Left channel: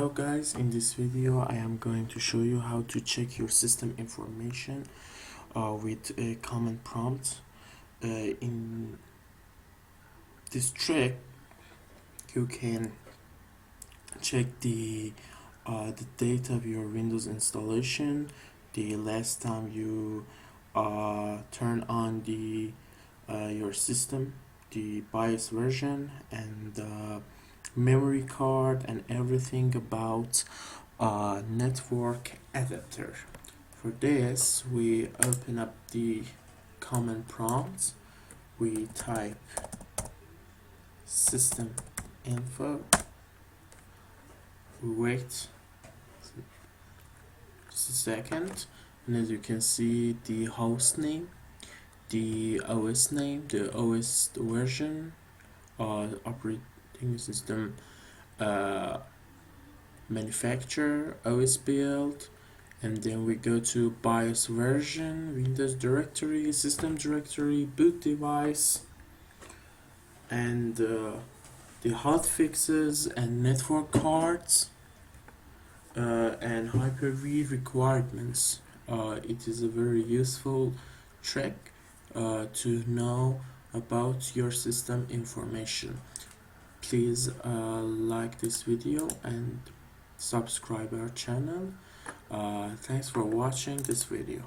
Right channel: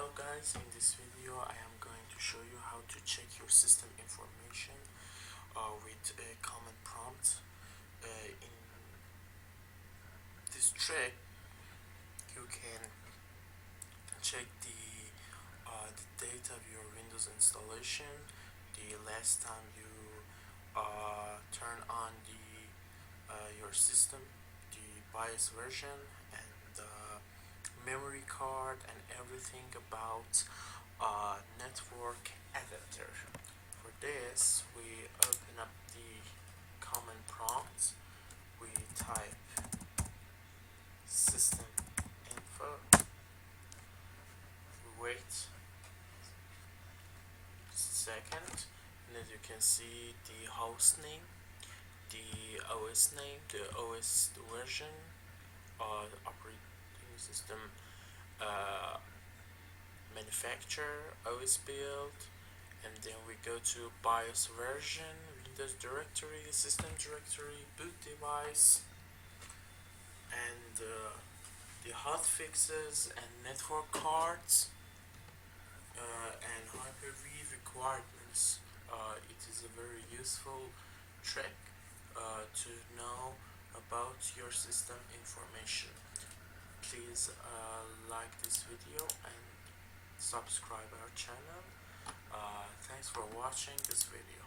Hello guys, in this video I am going to show you how to check your system information with a command prompt. In this trick you can check the date of your Windows installation, the last time you turn on your system, the BIOS version, and memory card, and everything about network adapter. For this, we open up the command prompt, we type Systeminfo, we wait just a second, and as you can see, the host name, the OS name, the OS version, operating system manufacturer, OS build, and then we go to BIOS version, Windows directory, system directory, boot device, and the hotfixes and network cards, and Hyper-V requirements. It is a very useful trick to know about your system information. Please like this video and subscribe our channel. Thanks for watching this video.